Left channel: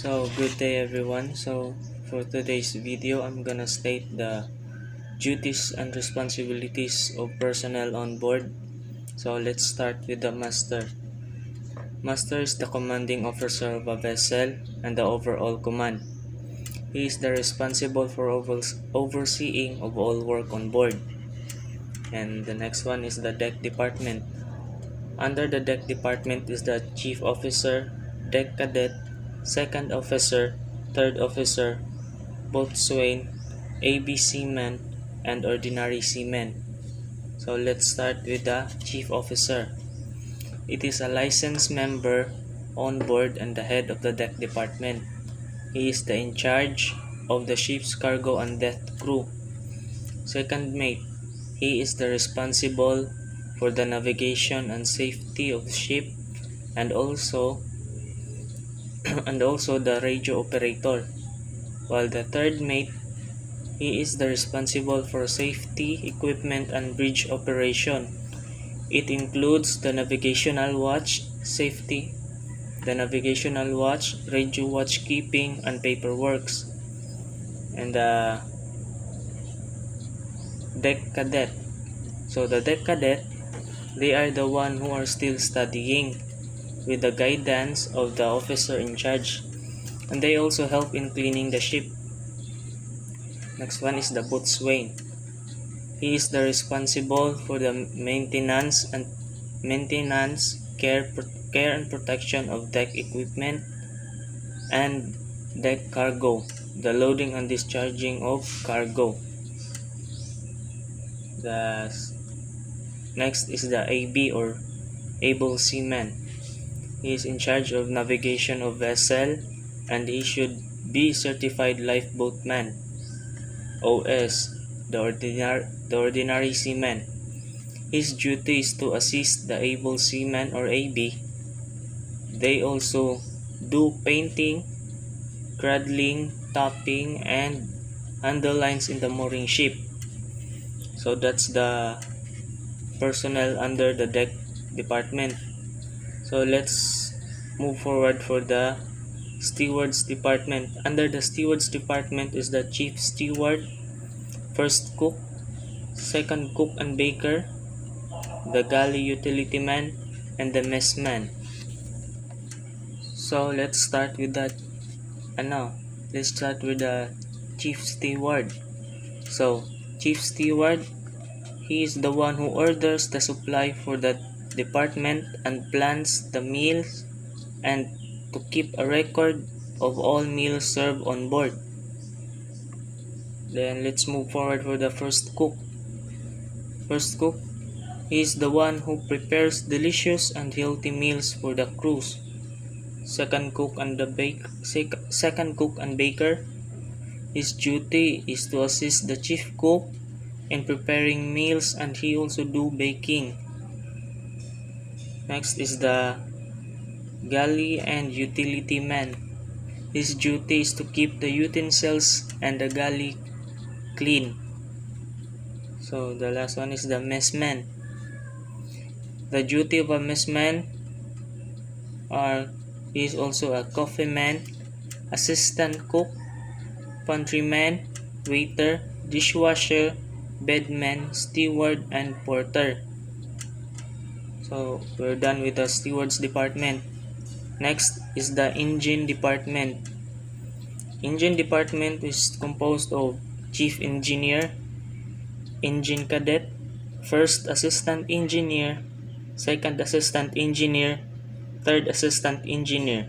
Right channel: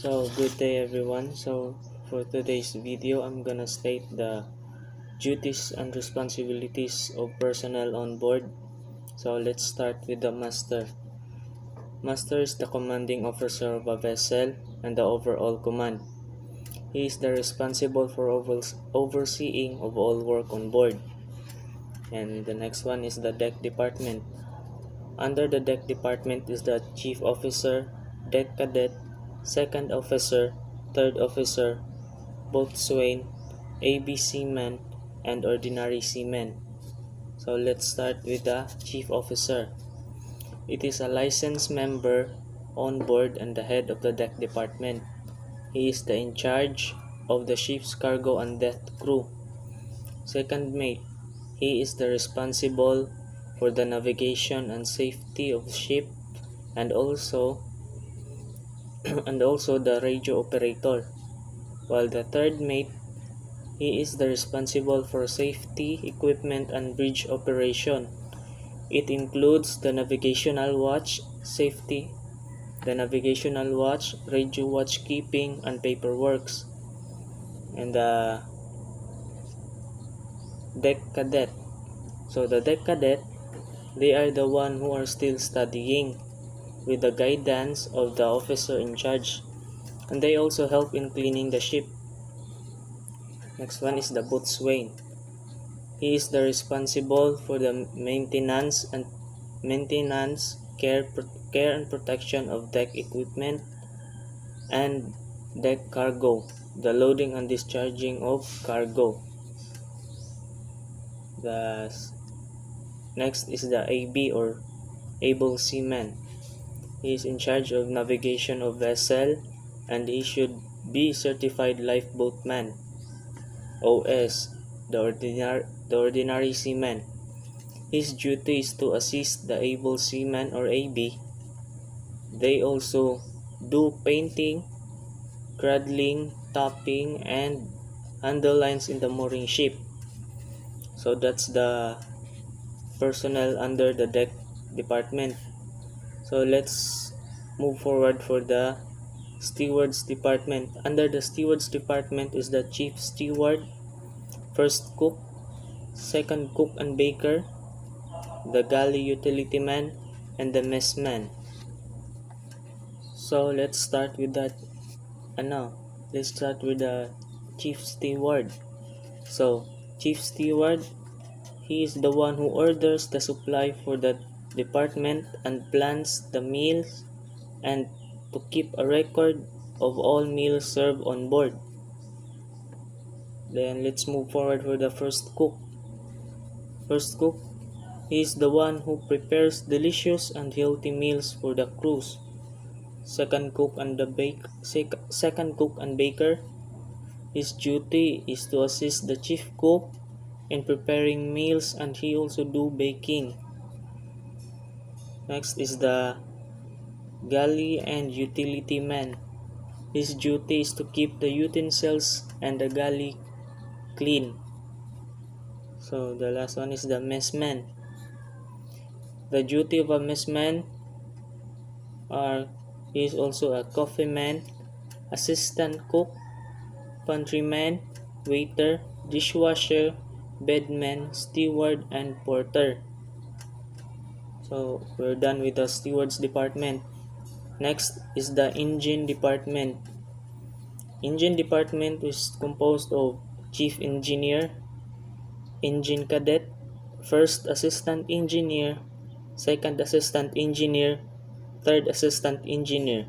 So good day everyone. So for today's video I'm gonna state the duties and responsibilities of personnel on board. So let's start with the master. Master is the commanding officer of a vessel and the overall command. He is the responsible for overseeing of all work on board. And the next one is the deck department. Under the deck department is the chief officer, deck cadet, second officer, third officer, boatswain, AB seaman, and ordinary seaman. So let's start with the chief officer. It is a licensed member on board and the head of the deck department. He is the in charge of the ship's cargo and deck crew. Second mate. He is the responsible for the navigation and safety of the ship and also the radio operator. While the third mate, he is the responsible for safety, equipment, and bridge operation. It includes the navigational watch, radio watch keeping, and paperworks. And the deck cadet. So the deck cadet, they are the one who are still studying with the guidance of the officer in charge. And they also help in cleaning the ship. Next one is the boatswain. He is the responsible for the maintenance, care and protection of deck equipment and deck cargo, the loading and discharging of cargo. The next is the AB or able seaman. He is in charge of navigation of vessel and he should be certified lifeboatman. OS, the ordinary seaman. His duty is to assist the able seaman or AB. They also do painting, cradling, topping, and handle lines in the mooring ship. So that's the personnel under the deck department. So let's move forward for the stewards department. Under the stewards department is the chief steward, first cook, second cook and baker, the galley utility man, and the messman. So let's start with the chief steward. So chief steward, he is the one who orders the supply for the department and plans the meals and to keep a record of all meals served on board. Then let's move forward for the first cook. First cook, he is the one who prepares delicious and healthy meals for the crews. Second cook and baker, his duty is to assist the chief cook in preparing meals and he also do baking. Next is the galley and utility man. His duty is to keep the utensils and the galley clean. So the last one is the messman. The duty of a messman he is also a coffee man, assistant cook, pantryman, waiter, dishwasher, bedman, steward, and porter. So we're done with the stewards department. Next is the engine department. Engine department is composed of chief engineer, engine cadet, first assistant engineer, second assistant engineer, third assistant engineer,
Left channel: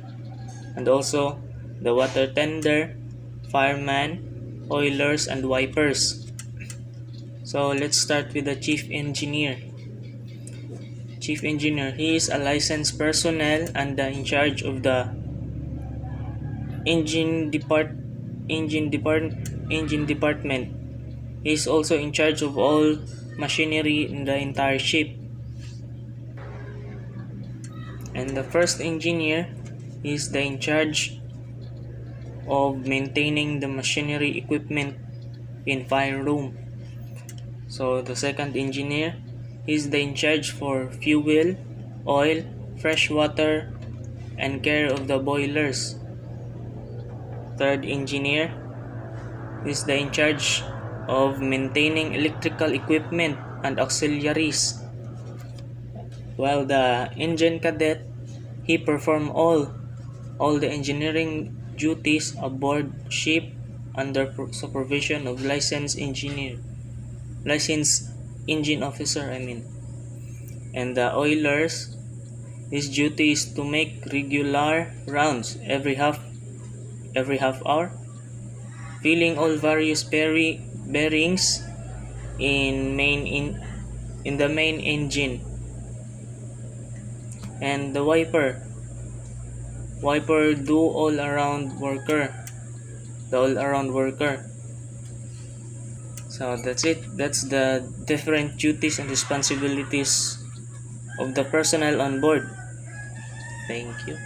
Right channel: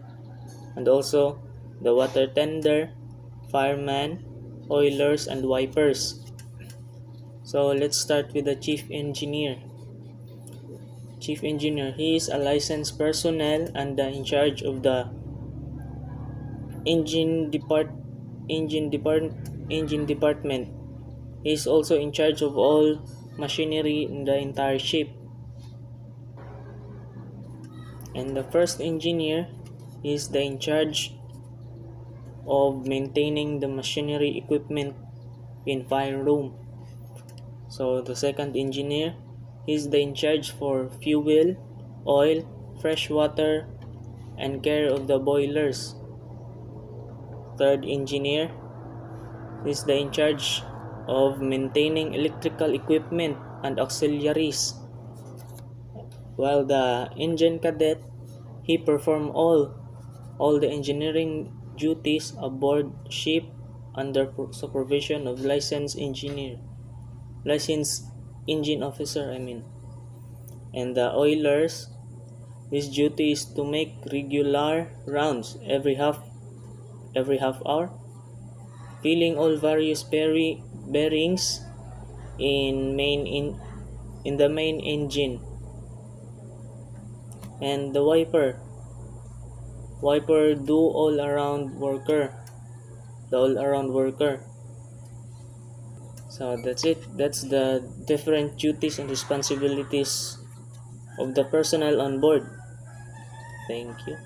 and also the water tender, fireman, oilers, and wipers. So let's start with the chief engineer. Chief engineer, he is a licensed personnel and in charge of the engine department. He is also in charge of all machinery in the entire ship. And the first engineer is the in charge of maintaining the machinery equipment in fire room. So the second engineer is the in charge for fuel, oil, fresh water, and care of the boilers. third engineer is the in charge of maintaining electrical equipment and auxiliaries, while the engine cadet, he perform all the engineering duties aboard ship under supervision of licensed engine officer, and the oilers, his duty is to make regular rounds every half hour, filling all various bearings in the main engine, and the wiper do all around worker. So that's it. That's the different duties and responsibilities of the personnel on board. Thank you.